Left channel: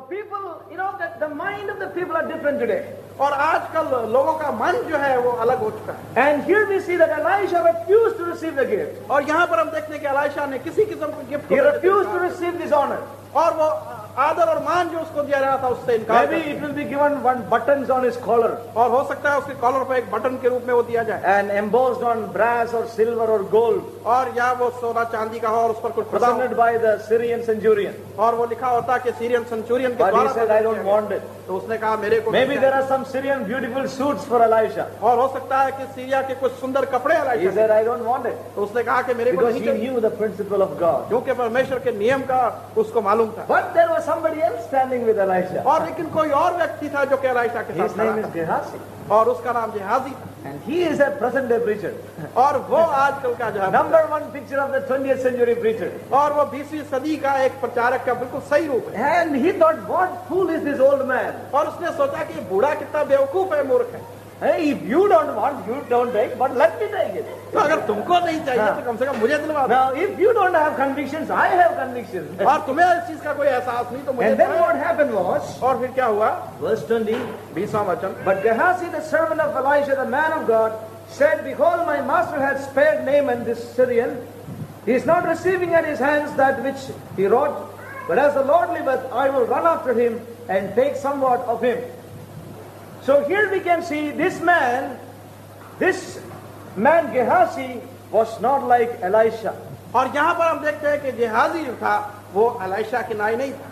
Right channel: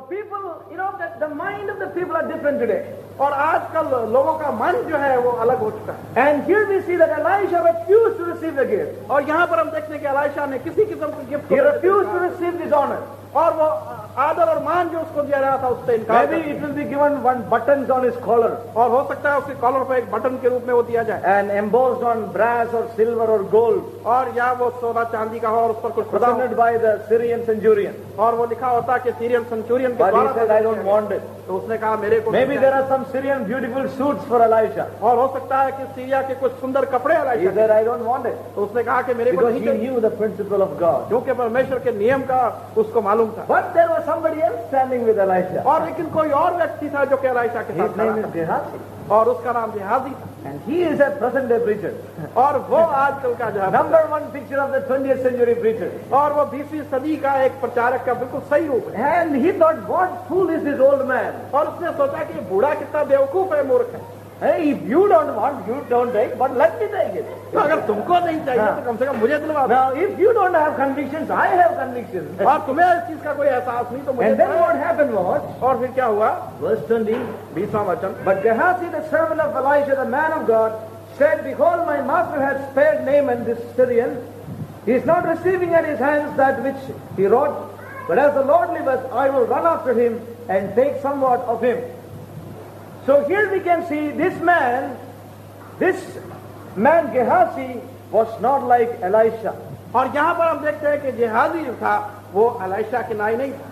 So people, that the mind of the people are different today. और आजकल लोगों का मन जो है वो अलग हो चुका है। And here we see that Elisha refused to receive the gift. और यहाँ पर हम देखते हैं कि एलीशा ने किसी किस्म के gift He refused to receive this honor. और वो आदर और मान जो उसको दिया रहा था उससे इनकार Maybe it will be given one buttons on his collar और हो सकता है उसके कॉलर पर एक बटन के रूप में वो दिया जाए and embossed on brass or silver or gold, और या वो सोना चांदी का हो और उस पर कुछ खुदा presented by the Syrian centurion. और वो लिखा होता कि सीरियन सेंचुरियन के But he द्वारा said, I don't want it. तो उसने कहा मेरे को Maybe there are some Syrian beautiful suits for Elisha. और हो सकता है कि सीरिया के कुछ सुंदर कपड़े He Elisha said, I don't want it. तो उसने कहा कि मेरे को Because नहीं he चाहिए knew the principle of God. क्योंकि परमेश्वर के नियम का उसको मालूम था But there was somebody else standing with Elisha. और लेकिन कोई और व्यक्ति था जो कि एलीशा के His साथ खड़ा name is था Gehazi. और उसका नाम जिहाजी था And he is a present day preacher. और वो आजकल का जो है Number one picture of the 20th century preacher. और वो 20वीं सदी का एक प्रचारक का बिल्कुल सही रूप है And he thought, what fool is this old man? और उसने सोचा कि बूढ़ा कितना बेवकूफ है मूर्ख है Hey, if you don't want, you don't take, but let me take it. तो अगर तुमको नहीं चाहिए तो कम से कम मुझे दिलवा दो Now, if you don't have convictions, I have convictions. और तुम्हें इस चीज का कोई एहसास नहीं तो मुझे And then दिलवा what happened was, दो। और फिर क्या हुआ verse 20, 20वां वचन but Gehazi, the servant of Elisha, the man of God, said, behold, my master hath spared Naaman this Syrian. He is not receiving at his hands that which he wrought, but as the Lord liveth, I will run after him and take somewhat of him. So here we can see this man Gehazi was not like Elisha. और यहाँ पर हम देखते हैं कि जिहाजी जो था वो एलीशा की नाई नहीं था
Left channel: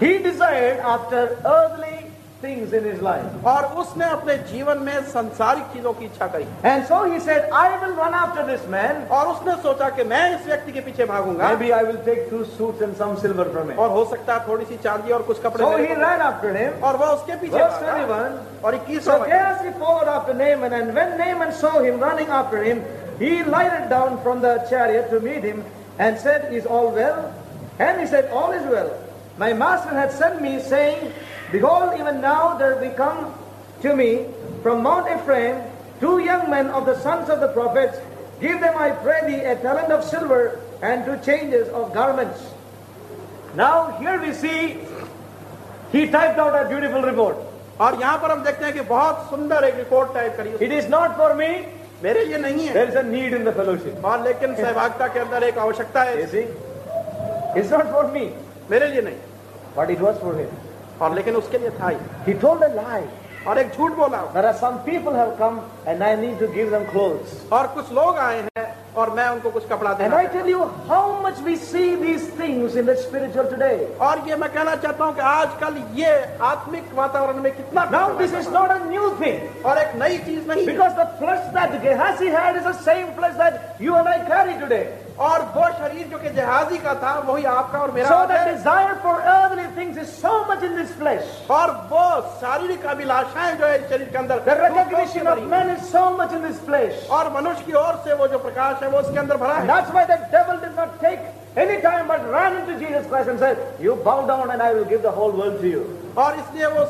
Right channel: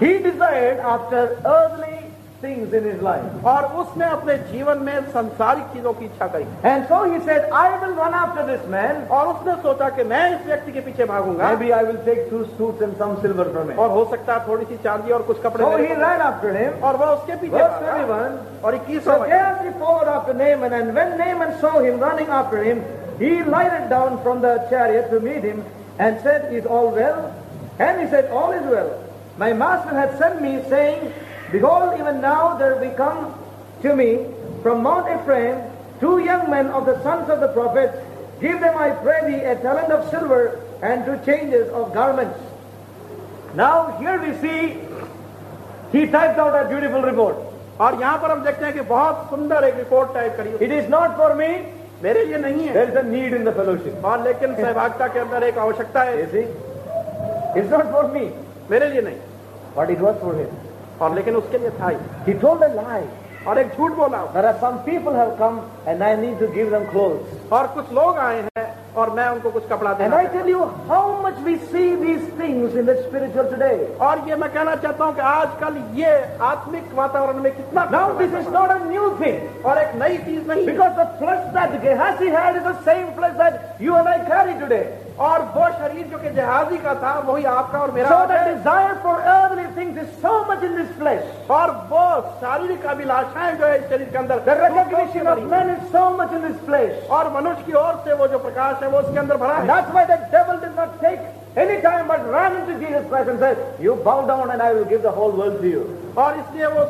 He desired after earthly things in his life. और उसने अपने जीवन में संसारिक चीजों की इच्छा करी And so he said, I will run after this man. और उसने सोचा कि मैं इस व्यक्ति के पीछे भागूंगा Maybe I will take 2 suits and some silver from him. और हो सकता है थोड़ी सी चांदी और कुछ कपड़े So मेरे he को- ran after him. और वह उसके पीछे Verse भागा। 21. और So 21वां Gehazi followed after Naaman, and when Naaman saw him running after him, he lighted down from the chariot to meet him and said, is all well? And he said, all is well. My master had sent me, saying, behold, even now there be come to me from Mount Ephraim 2 young men of the sons of the prophets. Give them, I pray thee, a talent of silver and 2 changes of garments. Now here we see he typed out a beautiful report. और यहाँ पर हम देखते हैं कि बहुत सुंदर एक रिपोर्ट टाइप करी उसने। It is not for me. मेरे लिए नहीं है There is a need in the fellowship. और लेकिन सहभागिता के अंदर एक आवश्यकता है You see? It's not for me, मेरे लिए नहीं but it was for him. और लेकिन उसके लिए था ही He told a lie. और एक झूठ बोला There are some people have come and I need to give them clothes. और कुछ लोग आए हैं और मैं उनको कुछ कपड़ा And देना I tell you how much we see these things in the spiritual today. और ये मैं कहना चाहता हूँ कि आजकल ये आत्मिक वातावरण में कितना Now this is not a new thing. और एक नई चीज नहीं है। Because the flesh that Gehazi had is the same flesh that you and I carry today. और वो शरीर जो कि जहाजी का था वही आपका और मेरा So है। the desire for earthly things is so much in this flesh. और वो शारीरिक अभिलाषाएं जो है इस शरीर के अंदर The recognition of men is so much in this flesh. और मनुष्य की ओर से वो जो प्रकाश है वो उसके अंदर भरा And है। that's why the devil did not take any time but ran into Jesus Christ and said, you bow down and I will give the whole world to you. और इसलिए वो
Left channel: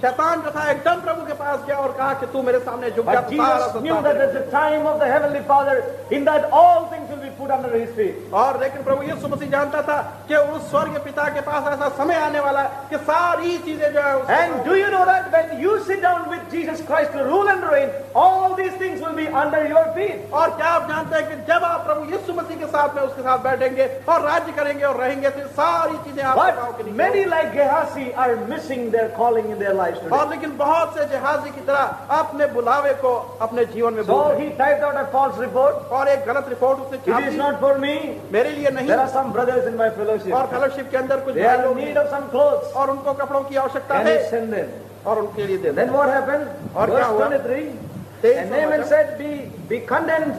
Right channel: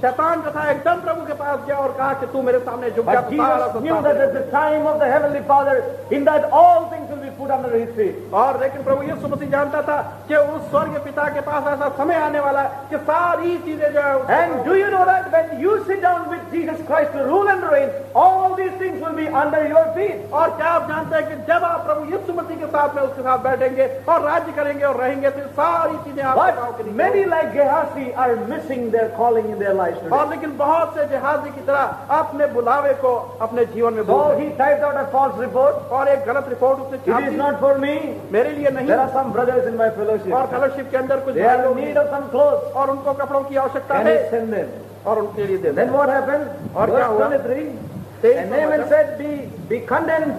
शैतान जो था एकदम प्रभु के पास गया और कहा कि तू मेरे सामने झुक जा। But Jesus knew that at the time of the Heavenly Father, in that all things will be put under his feet. और लेकिन प्रभु यीशु मसीह जानता था कि उस स्वर्ग पिता के पास ऐसा समय आने वाला है कि सारी चीजें जो है And do you know that when you sit down with Jesus Christ to rule and reign, all these things will be under your feet. और क्या आप जानते हैं कि जब आप प्रभु यीशु मसीह के साथ में उसके साथ बैठेंगे और राज्य करेंगे और रहेंगे तो सारी चीजें आपके पाँव के But नीचे many like Gehazi are missing their calling in their lives today. और लेकिन बहुत से जहाजी की तरह अपने बुलावे को अपने जीवन में So भूल he typed out a false report. गए। और एक गलत रिपोर्ट उसने छाप It is the. not for me. मेरे लिए नहीं There are some brothers in my fellowship. और फेलोशिप के अंदर कुछ They भाई are in लोग need of some clothes. और उनको कपड़ों की आवश्यकता And है he sent them. और उनके लिए दे Then what happened? और क्या Verse हुआ? 23. 23 And Naaman said, be content,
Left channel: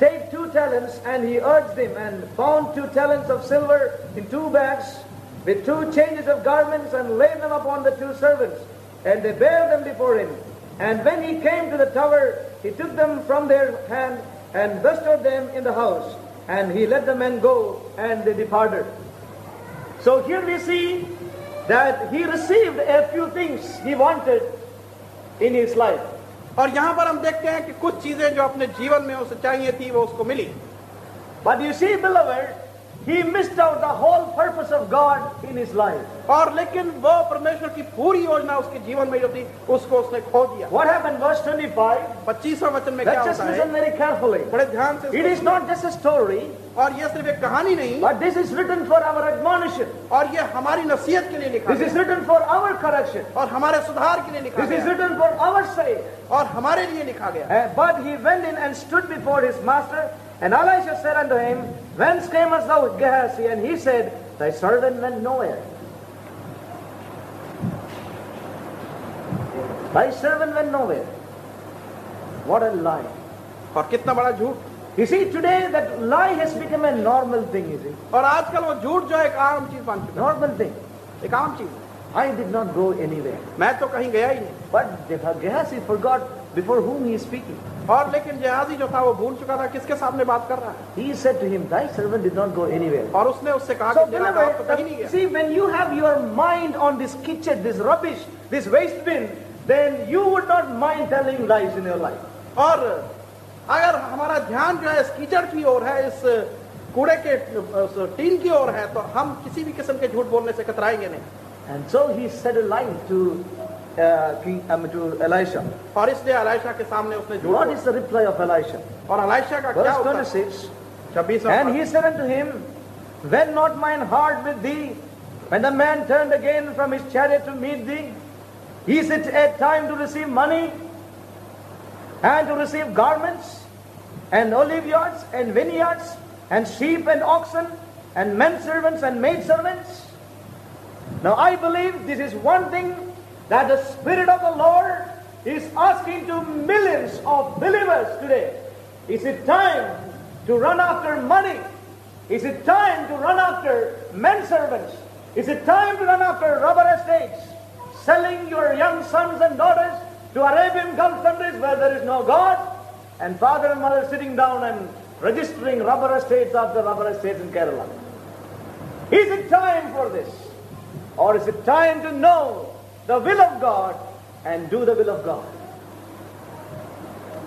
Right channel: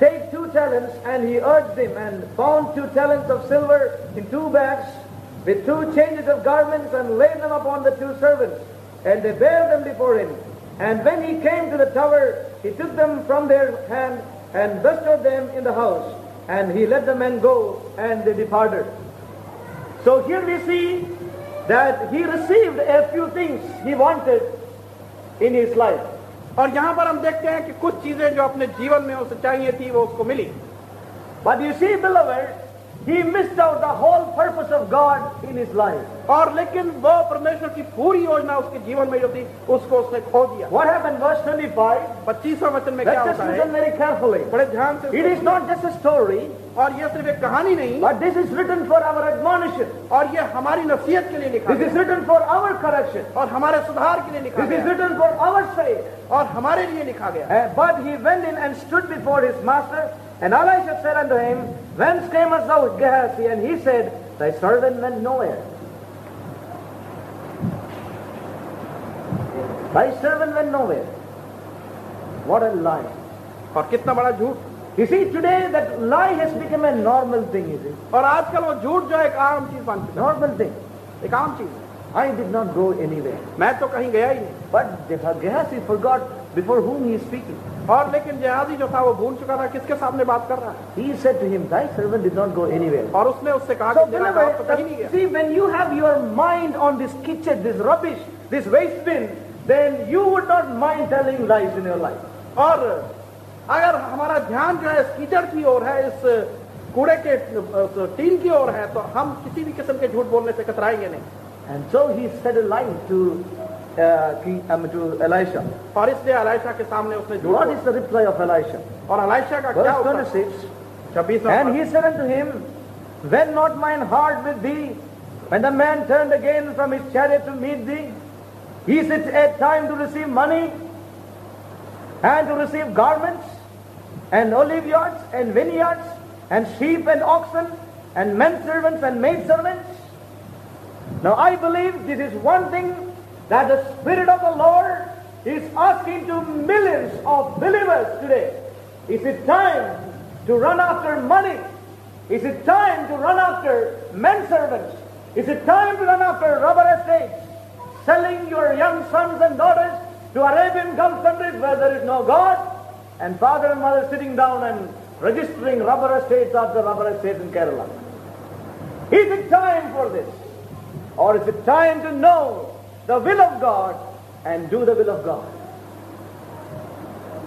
take 2 talents. And he urged him and found 2 talents of silver in 2 bags with 2 changes of garments and laid them upon the 2 servants. And they bare them before him. And when he came to the tower, he took them from their hand and bestowed them in the house. And he let the men go, and they departed. So here we see that he received a few things he wanted in his life. और यहाँ पर हम देखते हैं कि कुछ चीजें जो अपने जीवन में उसे चाहिए थी वो उसको मिली। But you see, beloved, he missed out the whole purpose of God in his life. और लेकिन वो परमेश्वर की पूरी योजना उसके जीवन में जो थी उसको उसने खो दिया। What happened? Verse 25. 25वें वचन में क्या Let's just होता है? listen very carefully. बड़े ध्यान से It is not just a story, और ये सिर्फ एक कहानी नहीं, but this is written for our admonition. और ये हमारी नसीहत के लिए लिखा This is गया written for our correction. और हमारे सुधार के लिए लिखा This is गया written for our sake. और हमारे लिए लिखा गया। But he went in and stood before his master, and Elisha said unto him, Whence camest thou, Gehazi? And he said, Thy servant went nowhere. Thy servant went nowhere. What a lie. और कितना बड़ा झूठ। You see, today that lie has become a normal thing, you see. और आजकल वो झूठ जो है एक आम चीज बन चुका Normal thing. है, एक आम चीज। I did not go anywhere. मैं तो कहीं गया ही नहीं। But Gehazi forgot before whom he is speaking. और लेकिन गेहाजी जो था वो भूल चुका था किसके सामने बात कर रहा है। He said to him, Thy servant did not go anywhere. और उसने उससे कहा So, कि मेरा बाप तो कहीं नहीं beloved, गया। see, when you have your mind on this kitchen, this rubbish, this waste bin, then you would not mind telling lies in your life. और अगर हमारा ध्यान जो है इस कीचड़ की ओर है, इस कूड़े के टीन की ओर है, तो हम किसी भी किस्म के झूठ बोलने से कतराएंगे नहीं। And so he said a lie to Elisha. और इसलिए एलीशा के सामने उसने झूठ What बोला। is the reply of Elisha? और एलीशा का क्या Verse Uttar? 26. 26वां And he said unto him, Went not mine heart with thee, when the man turned again from his chariot to meet thee? Is it a time to receive money, and to receive garments, and oliveyards, and vineyards, and sheep and oxen, and men servants and maid servants? Now I believe this is one thing that the Spirit of the Lord is asking to millions of believers today. Is it time to run after money? Is it time to run after men servants? Is it time to run after rubber estates? Selling your young sons and daughters to Arabian Gulf countries where there is no God, and father and mother sitting down and registering rubber estates after rubber estates in Kerala. Is it time for this? Or is it time to know the will of God and do the will of God?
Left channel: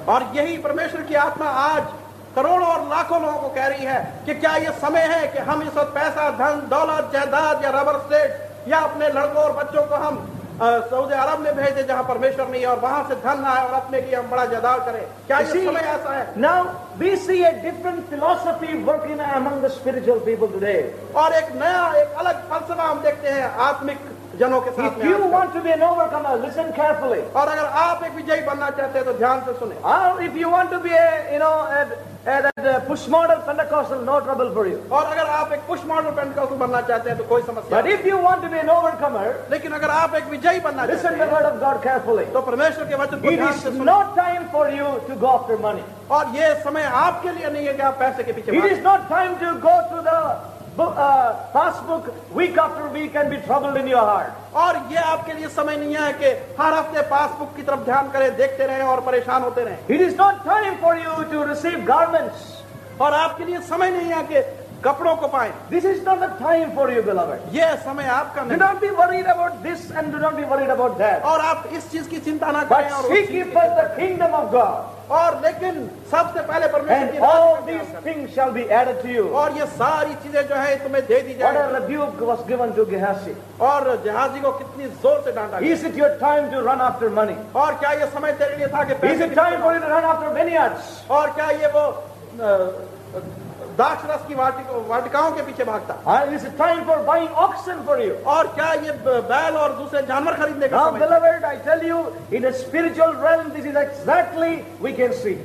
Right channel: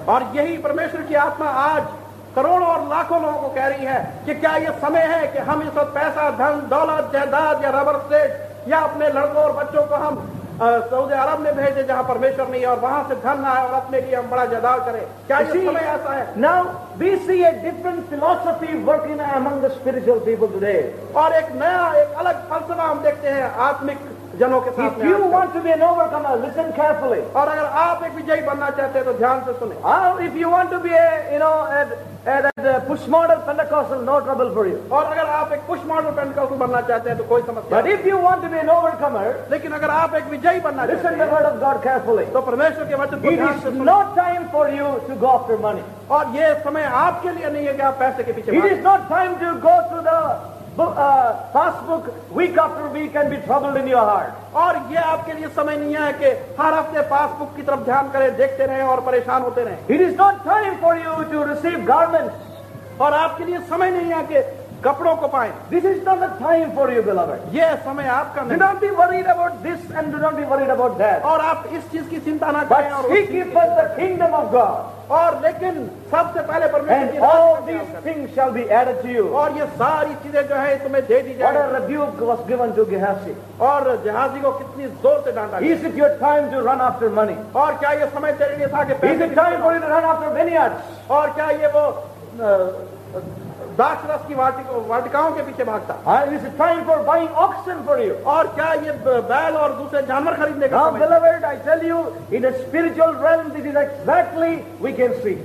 और यही परमेश्वर की आत्मा आज करोड़ों और लाखों लोगों को कह रही है कि क्या ये समय है कि हम इस वक्त पैसा, धन, दौलत, जायदाद या रबर स्टेट या अपने लड़कों और बच्चों को हम सऊदी अरब में भेजे जहां परमेश्वर नहीं है और वहां से धन आए और अपने लिए हम बड़ा जायदाद करें? क्या ये समय ऐसा है? Now we see a different philosophy working among the spiritual people today. और एक नया, एक अलग फलसफा हम देखते हैं आत्मिक जनों के साथ If में you आजकल। want to be an overcomer, listen carefully. और अगर आप एक विजयी बनना चाहते हैं तो ध्यान से सुने। Or if you want to be a push model Pentecostal, no trouble for you. और अगर आप एक पुश मॉडल पेंटिकॉस्टल बनना चाहते हैं तो कोई समस्या But नहीं। if you want to be an overcomer, लेकिन अगर आप एक विजयी बनना चाहते listen to the हैं word of God carefully. तो परमेश्वर के वचन को It ध्यान is से सुने। not time for you to go after money. और ये समय आपके लिए नहीं है कि आप पैसे के पीछे It भागें। is not time to go through the passbook week after week and be troubled in your heart. और ये आपके लिए समय नहीं है कि हर हफ्ते पासबुक की तरफ ध्यान करें, देखते रहें और परेशान होते रहें। It is not time for you to receive garments. और आपके लिए समय नहीं है कि कपड़ों को पाएं। This is not the time for you, beloved. ये समय आपका Do नहीं। not be worried about this and do not be worried about that. और आप इस चीज की चिंता ना करें और But उस seek चीज ye की first चिंता the kingdom of God, और लेकिन सबसे पहले परमेश्वर and की all राज्य these का things shall be added to you. और ये सारी चीजें जो है तुम्हें दे दी What a जाएगी। rebuke was given to Gehazi. और जहाजी को कितनी जोर से डांटा गया। Is it your time to run after money? और क्या ये समय तेरे लिए था कि Is पैसे it time for you to run after vineyards? और क्या ये वो दाक्ष रस की वाटिकाओं के पीछे भागता? Or is it time for buying oxen for you? और क्या ये बैल और दूसरे जानवर खरीदने का Now, समय? beloved, I tell you, in the spiritual realm, this is exactly we can see.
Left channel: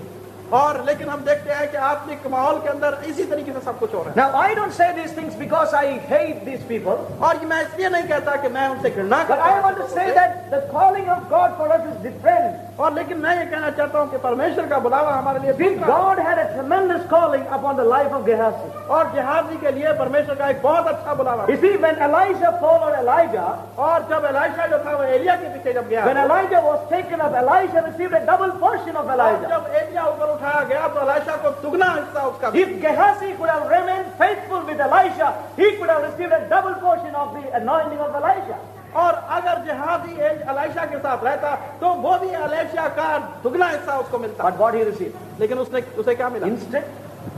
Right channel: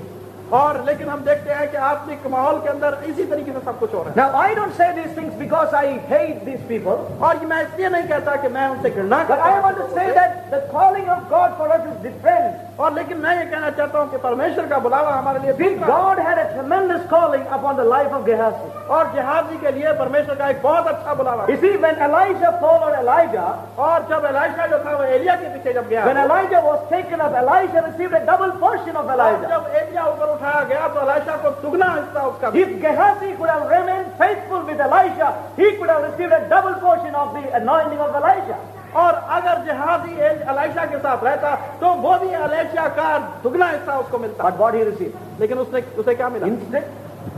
और लेकिन हम देखते हैं कि आत्मिक माहौल के अंदर इसी तरीके से सब कुछ हो रहा है। Now, I don't say these things because I hate these people, और मैं इसलिए नहीं कहता कि मैं उनसे घृणा but करता I हूं want to say that the calling of God for us is different. और लेकिन मैं ये कहना चाहता हूं कि परमेश्वर का बुलावा हमारे लिए See, दूसरा है। God had a tremendous calling upon the life of Gehazi. और गेहाजी के लिए परमेश्वर का एक बहुत अच्छा बुलावा You see, when Elijah followed Elijah, और जब एलीशा जो था वो एलिया के पीछे जब गया when Elijah was taken up, Elisha received a double portion of और Elijah. जब एलिया ऊपर उठाया गया तो एलीशा को दुगना हिस्सा उसका था। If Gehazi could have remained faithful with Elisha, he could have received a double portion of the anointing of Elisha. और अगर जहाजी एलीशा के साथ रहता तो वो भी एलीशा का दुगना हिस्सा उसको मिलता। But what he received? लेकिन उसे क्या मिला? Instead,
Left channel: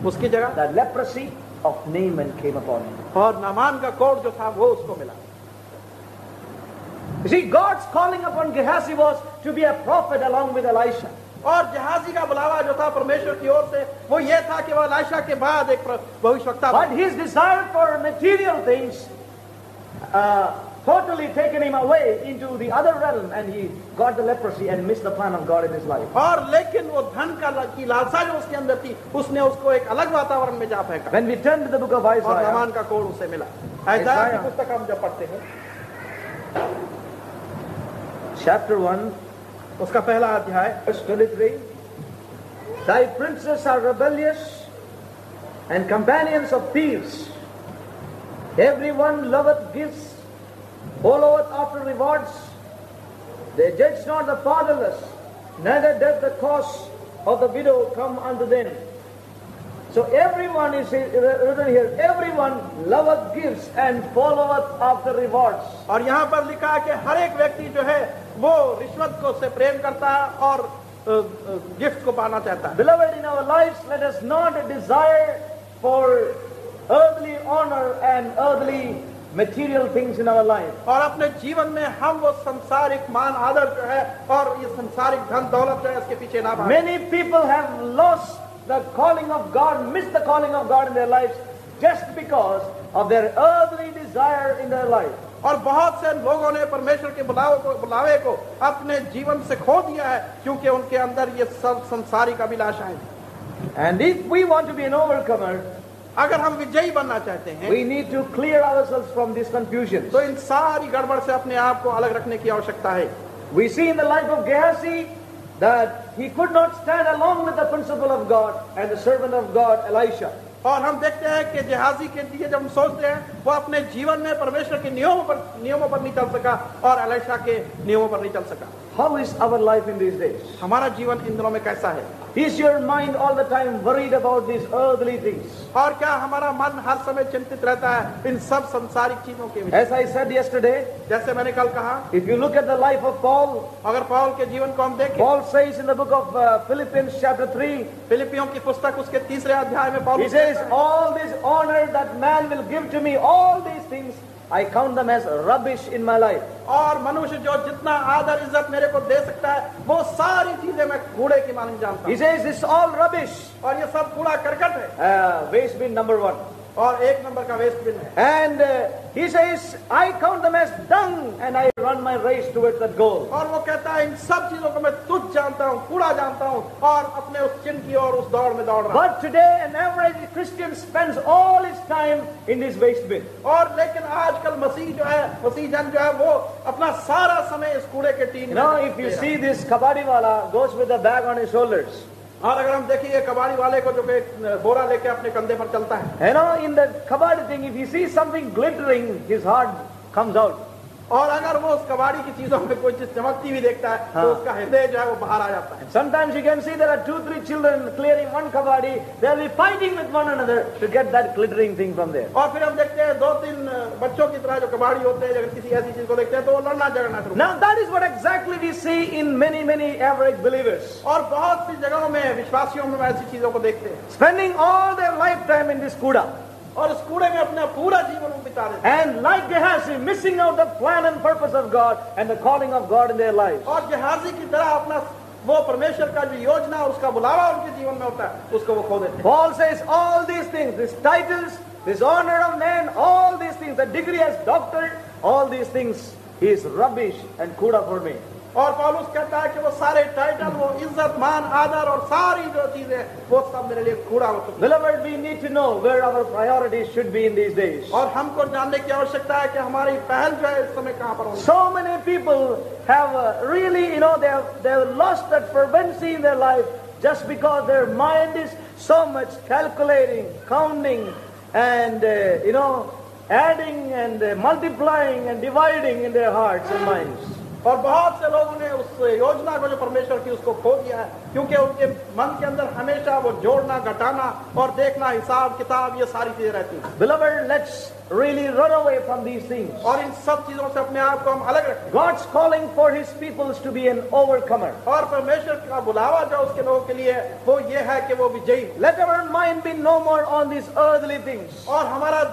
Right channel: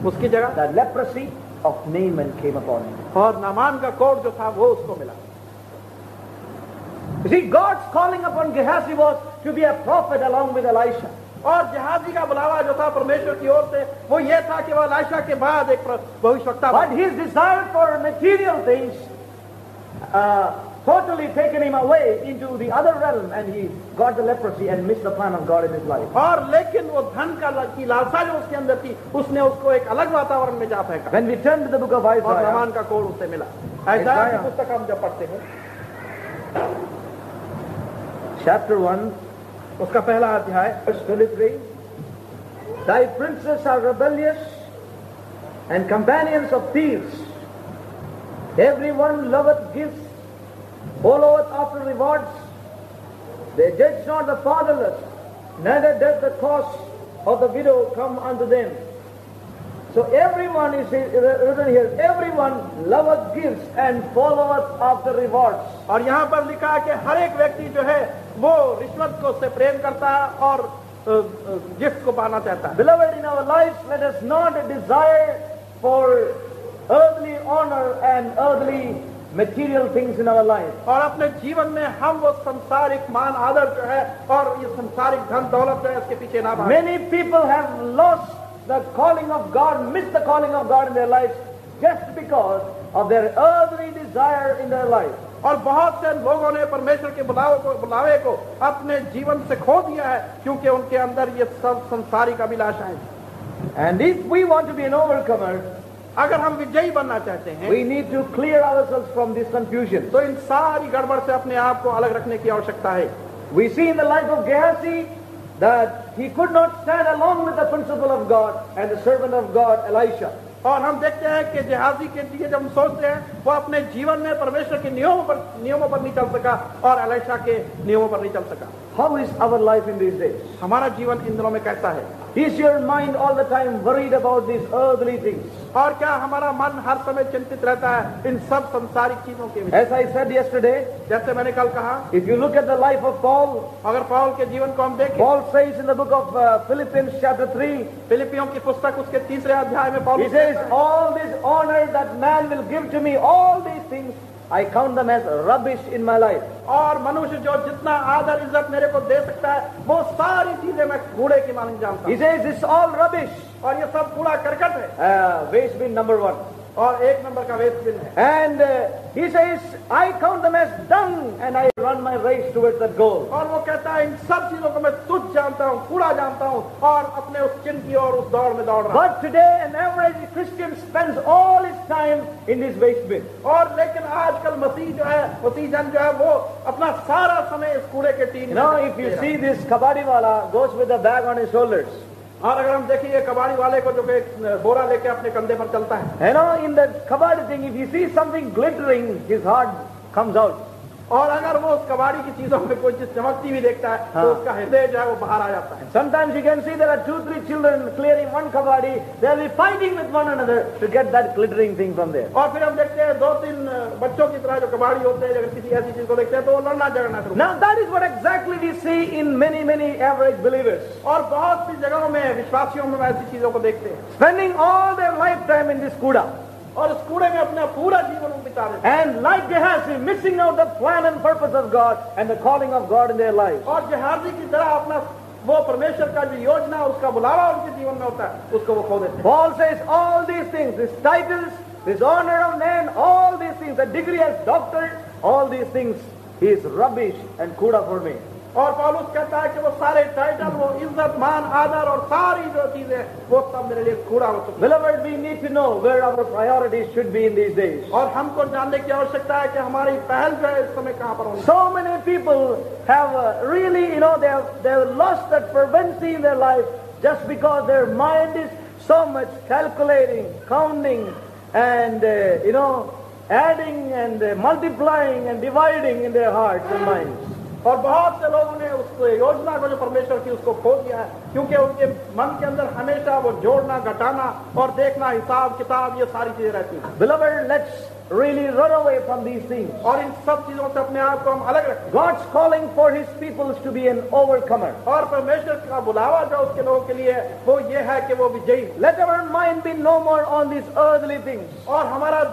उसकी जगह the leprosy, of Naaman came upon him. और नामान का कोड जो था वो उसको मिला। You see, God's calling upon Gehazi was to be a prophet along with Elisha. और जहाजी का बुलावा जो था परमेश्वर की ओर से वो ये था कि वह एलीशा के बाद एक भविष्यवक्ता बने। But his desire for material things totally taken him away into the other realm, and he got the leprosy and missed the plan of God in his life. और लेकिन वो धन की लालसा जो उसके अंदर थी उसने उसको एक अलग वातावरण में जा फेंका। When we turn to the book of और Isaiah, नामान का कोड उसे मिला। इसाइया की पुस्तक हम जब पढ़ते हैं chapter 1, उसका पहला अध्याय verse 23, thy princes are rebellious and companions of thieves. Everyone loveth gifts, followeth after rewards. They judge not the fatherless, neither doth the cause of the widow come unto them. So everyone is written here, everyone loveth gifts and followeth after rewards. और यहाँ पर लिखा है कि हर एक व्यक्ति जो है वो रिश्वत को से प्रेम करता है और गिफ्ट को पाना चाहता है। Beloved, in our lives, let us not desire for earthly honor and earthly material things in our life. और अपने जीवन में हम वो संसारिक मान आदर जो है और ये संसारिक धन दौलत है इसके पीछे ना भागें। Many people have lost the calling of God, missed the calling of God in their lives just because of their earthly desire in their life. और बहुत से लोगों ने परमेश्वर के बुलावे को अपने जीवन से खो दिया है क्योंकि उनके अंदर ये सब संसारिक अभिलाषाएं हैं। And if we want to be an overcomer, अगर हम विजयी बनना चाहते हैं we need to clear ourselves from this confusion. तो इन सारी गड़बड़ से अपने आप को अलग रखने की आवश्यकता है। We see in the life of Gehazi that he could not stand along with the principle of God and the servant of God, Elisha. और हम देखते हैं कि जहाजी के लिए जब हम सोचते हैं वो अपने जीवन में परमेश्वर के नियमों पर नहीं चल सका और एलीशा के नियमों पर नहीं चल सका। How is our life in these days? हमारा जीवन इन दिनों में कैसा है? Is your mind all the time worried about these earthly things? और क्या हमारा मन हर समय चिंतित रहता है इन सब संसारिक चीजों के विषय? As I said yesterday, जैसे मैंने कल कहा, if you look at the life of Paul, अगर पौल के जीवन को हम देखें, Paul says in the book of Philippians chapter 3, फिलिपियों की पुस्तक उसके 3 अध्याय में Paul he says, all this honor that man will give to me, all these things, I count them as rubbish in my life. और मनुष्य जो जितना आदर इज्जत मेरे को दे सकता है वो सारी चीजें मैं कूड़े की मालूम जानता He हूँ। says, it's all rubbish. और ये सब कूड़ा करकट है। Waste bin number 1. और 1 नंबर का वेस्ट बिन है। And he says, I count them as dung and I run my race towards that goal. और वो कहता है इन सब चीजों को मैं तुच्छ जानता हूँ, कूड़ा जानता हूँ और अपने उस चिन्ह की और उस दौड़ में दौड़ रहा हूँ। But today an average Christian spends all his time in this waste bin. और लेकिन आजकल मसीह जन जो है वो अपना सारा समय इस कूड़े के team You know, if you see this kabadi wala goes with a bag on his shoulders. और अगर हम देखिए कबाड़ी वाले को जो बोरा लेके अपने कंधे पर चलता है, You know, in the kabadi thing, if you see something glittering, his heart comes out. और अगर वो उस कबाड़ी की चीजों में कोई चीज चमकती हुई देखता है तो उसका हृदय जो है वो बाहर आ जाता है। Sometimes you can see there are 2-3 children clearing one kabadi. They'll be fighting with one another to get that glittering thing from there. और फिर हम देखते हैं 2-3 बच्चों की तरह जो कबाड़ी होते हैं, अगर किसी ऐसी चीज को देखते हैं तो वो लड़ना झगड़ना शुरू। Now that is what exactly we see in many average believers. और बहुत सी जगहों में विश्वासियों में ऐसी चीजों को देखते हैं, Spending all their lifetime in this kuda. और इस कूड़े में अपना पूरा जीवन बिता देते हैं। And like Gehazi, missing out the plan and purpose of God and the calling of God in their lives. और जहाजी की तरह अपना वो परमेश्वर का जो योजना और उसका बुलावा उनके जीवन में होता है उसको वो खो देते हैं। Paul says all these things, these titles, this honor of man, all these things, the degree as doctor, all these things is rubbish and kuda for me. और पौलुस कहता है कि वो सारे टाइटल, वो इज्जत, मान, आदर और सारी जो चीजें वो सब मेरे लिए कूड़ा हो चुका है। Beloved, we need to know where our priorities should be in these days. और हमको जानने की आवश्यकता है कि हमारी पहल जो है इस समय कहाँ पर होनी। So many people have really, they have lost that fervency in their life just because their mind is so much calculating, counting, and adding and multiplying and dividing in their hearts and minds. और बहुत से लोगों ने उस योजना को जो परमेश्वर की उसको खो दिया है, क्योंकि उनके मन के अंदर हमेशा वो जोड़ना, घटाना और देखना, हिसाब किताब, ये सारी चीजें रहती हैं। Beloved, let's really run away from these things. और इन सब चीजों से अपने आप को हम अलग रखें। God's calling for His people is to be an overcomer. और परमेश्वर का बुलावा जो उसके लोगों के लिए है, वो ये है कि वो विजयी हो। Let our mind be no more on these earthly things. और हमारा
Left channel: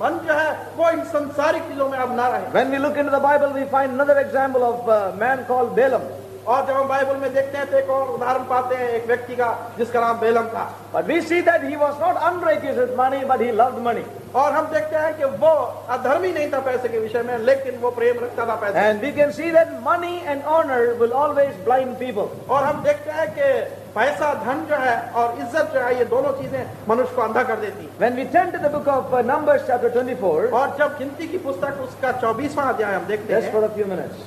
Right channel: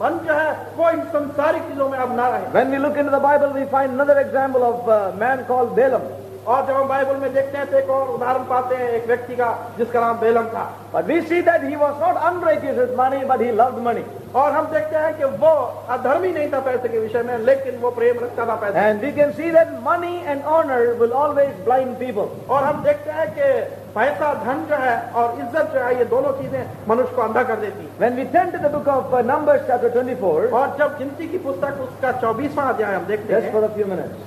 मन जो है वो इन संसारिक चीजों में अब ना रहे। When we look into the Bible, we find another example of a man called Balaam. और जब हम बाइबल में देखते हैं तो एक और उदाहरण पाते हैं एक व्यक्ति का जिसका नाम बेलम था। But we see that he was not unrighteous with money, but he loved money. और हम देखते हैं कि वो अधर्मी नहीं था पैसे के विषय में, लेकिन वो प्रेम रखता था पैसे। And we can see that money and honor will always blind people. और हम देखते हैं कि पैसा, धन जो है और इज्जत जो है, ये दोनों चीजें मनुष्य को अंधा कर देती है। When we turn to the book of Numbers chapter 24, और जब गिनती की पुस्तक उसका 24वां अध्याय हम देखते just हैं, for a few minutes,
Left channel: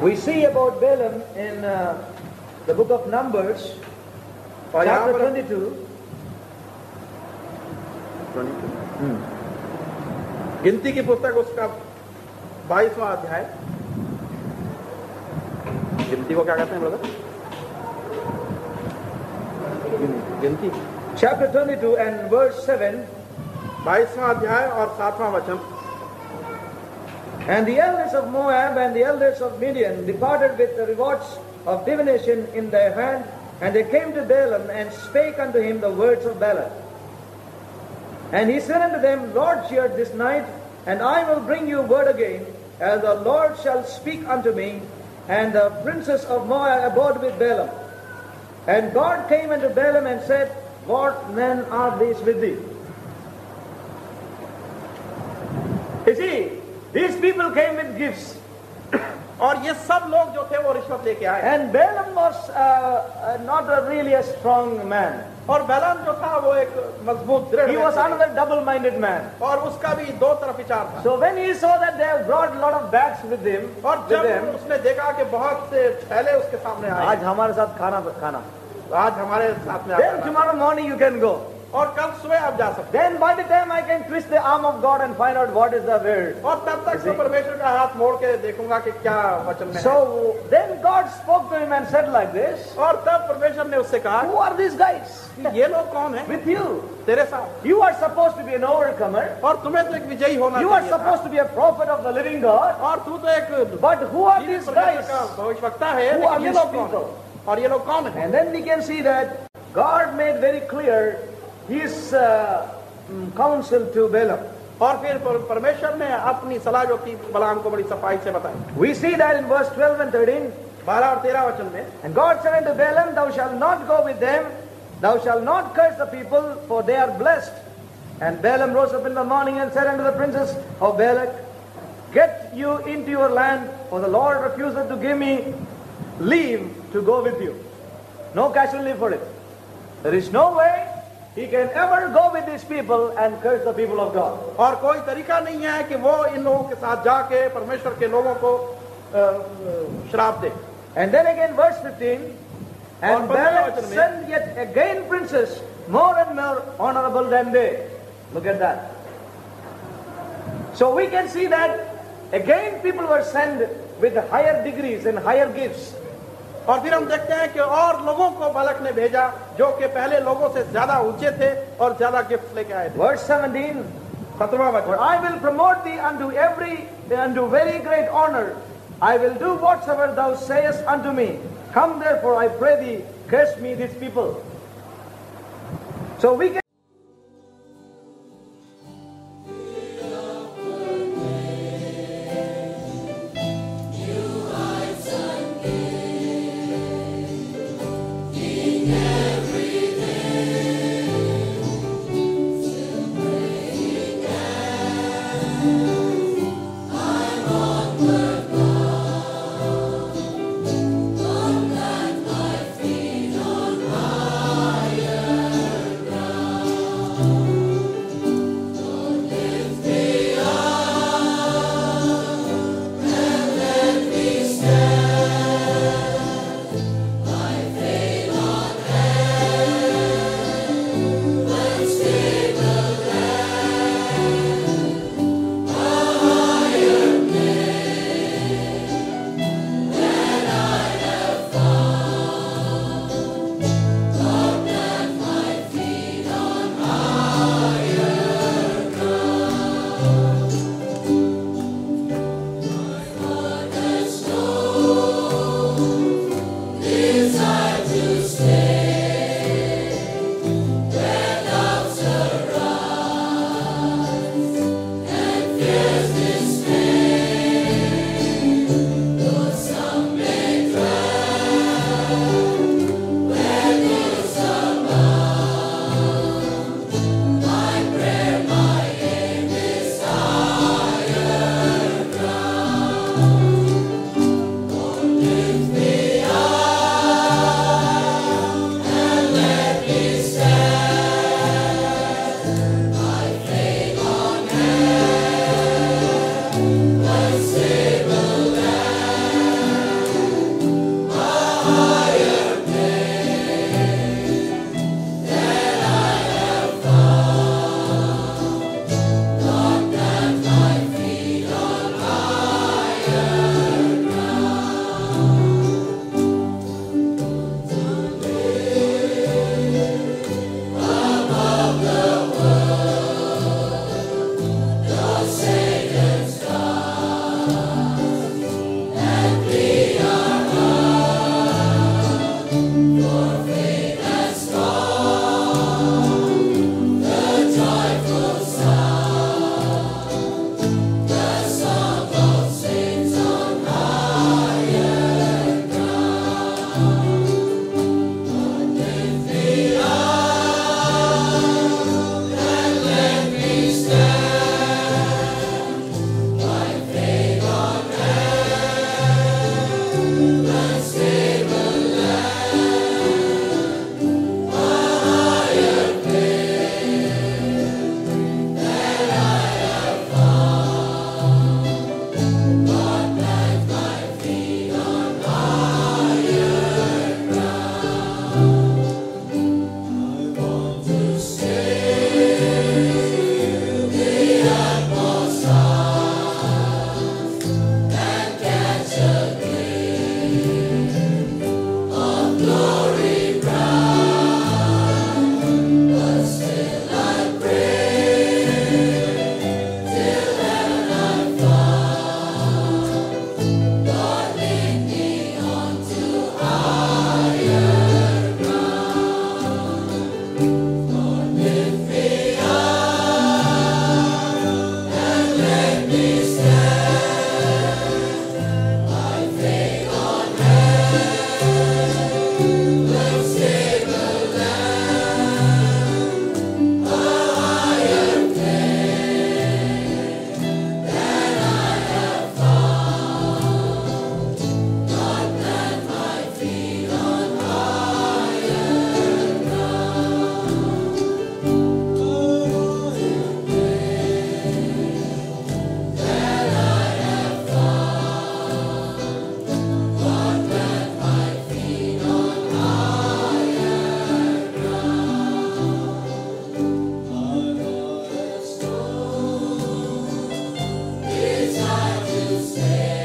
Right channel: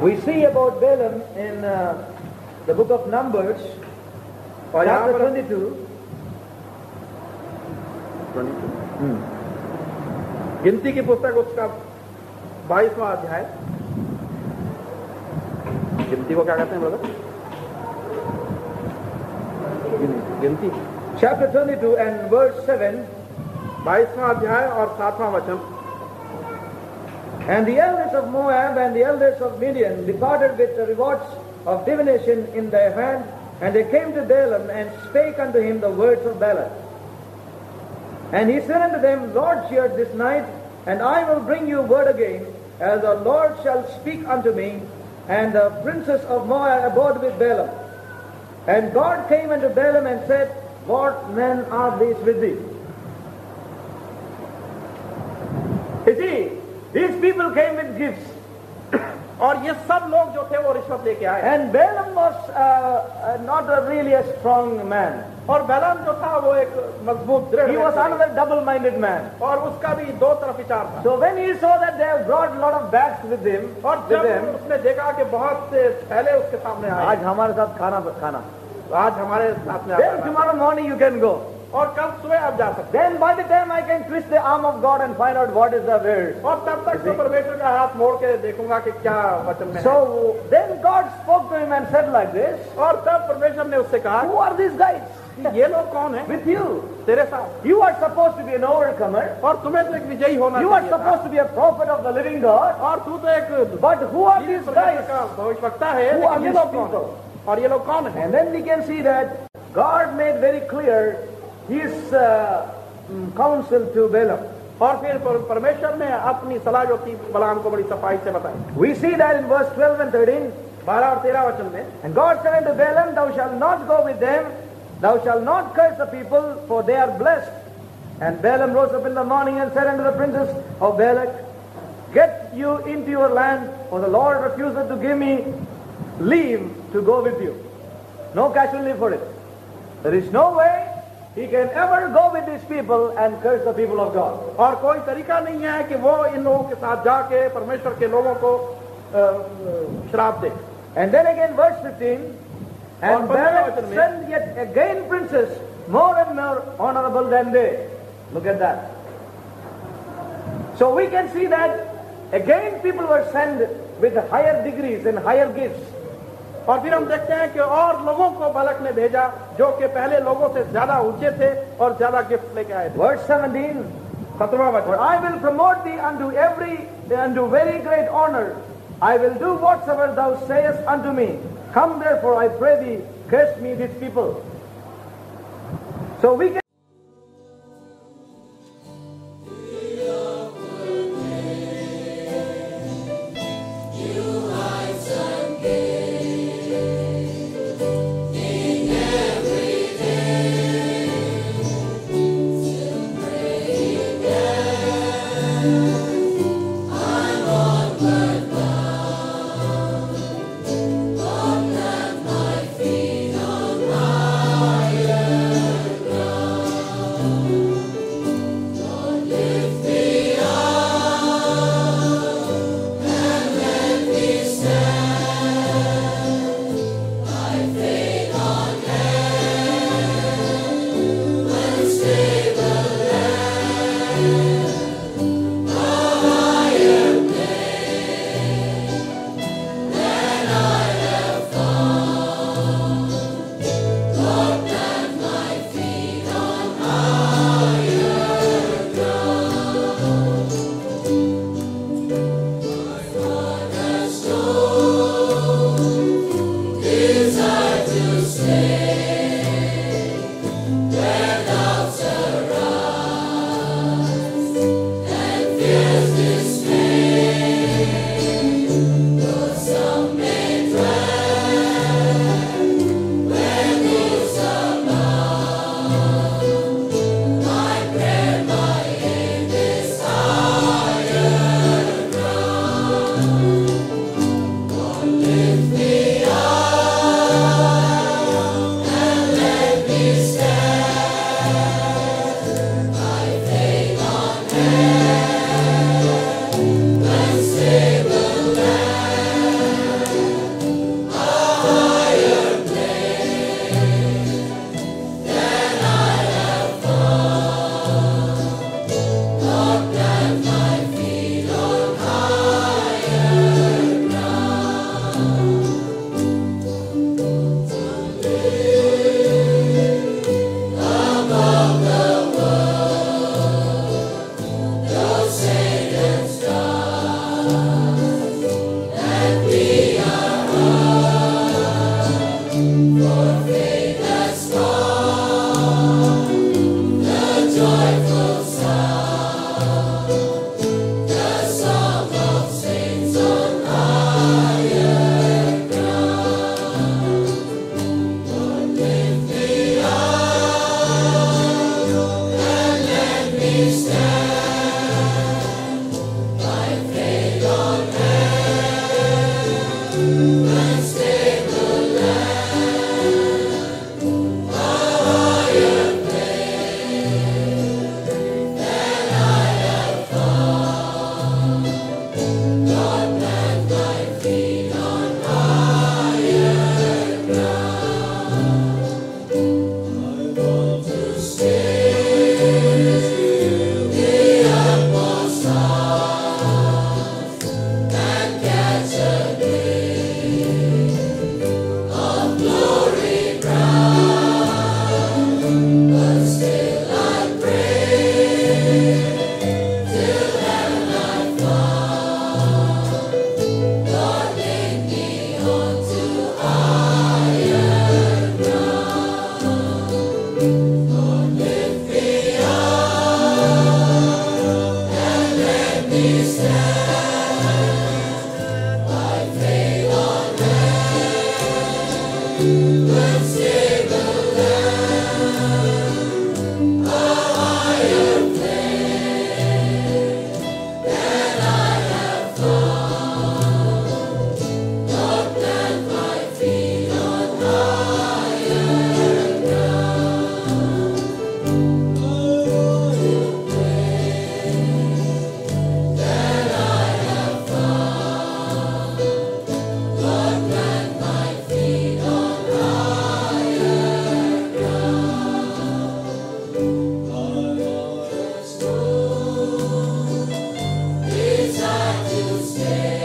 we see about Balaam in the book of Numbers और यहाँ chapter पर 22. गिनती की पुस्तक उसका 22वां अध्याय। गिनती को क्या कहते हैं ब्रदर? गिनती Chapter 22 and verse 7. 22वां अध्याय और 7वां वचन। And the elders of Moab and the elders of Midian departed with the rewards of divination in their hand, and they came to Balaam and spake unto him the words of Balak. And he said unto them, Lord, cheer this night, and I will bring you word again, as the Lord shall speak unto me. And the princes of Moab abode with Balaam. And God came unto Balaam and said, What men are these with thee? You see, these people came with gifts. और ये सब लोग जो थे वो रिश्वत लेके आए। And Balaam was not really a strong man. और बैलाम जो था वो एक मजबूत दृढ़ He was व्यक्ति another double-minded man. था। और उसका भी दो तरफ विचार था। So when he saw that they have brought a lot of bags with him, और with जब them, उसने देखा कि बहुत से थैले उसके सामने आए, आज हमारे साथ खाना, आज हमारे साथ में then आया, tomorrow morning you can go. और कल सुबह आप जा सकते Then by the time I can twist the arm of God and find out what is the word. हैं। और तब तक तो परमेश्वर का हाथ मोड़ के देखूंगा कि क्या वचन में है। So then God spoke to him and said like this, और तब परमेश्वर ने उससे कहा Who are these guys कि ये लोग कौन है with you? तेरे साथ? You are supposed to be an overcomer. और तुम्हें तो एक विजयी होना You are चाहिए था। supposed to be a prophet of the living God. और तू तो एक But who are these परमेश्वर guys? का भविष्यवक्ता है, Who are लेकिन ये these लोग कौन people? हैं? और ये लोग कौन है? And then we can see that God made very clear His counsel to Balaam. और फिर परमेश्वर ने अपनी सलाह जो की बलाम को बड़ी सफाई से बताई। We see that in verse 12 and 13. 12 और 13 वचन में, And God said unto Balaam, Thou shalt not go with them, thou shalt not curse the people, for they are blessed. And Balaam rose up in the morning and said unto the princes of Balak, Get you into your land, for the Lord refuseth to give me leave to go with you. No casual leave for it. There is no way he can ever go with these people and curse the people of God. और कोई तरीका नहीं है कि वो इन लोगों के साथ जाके परमेश्वर के लोगों को श्राप दे। And then again verse 15, and और 15 Balak वचन में, sent yet again princes more and more honorable than they. Look at that. So we can see that again people were sent with higher degrees and higher gifts. और फिर हम देखते हैं कि और लोगों को बालक ने भेजा जो कि पहले लोगों से ज्यादा ऊंचे थे और ज्यादा गिफ्ट लेके आए थे। Verse 17, 17वां For वचन, I will promote thee unto very great honor. I will do whatsoever thou sayest unto me. Come therefore, I pray thee, curse me these people. So we can to stay.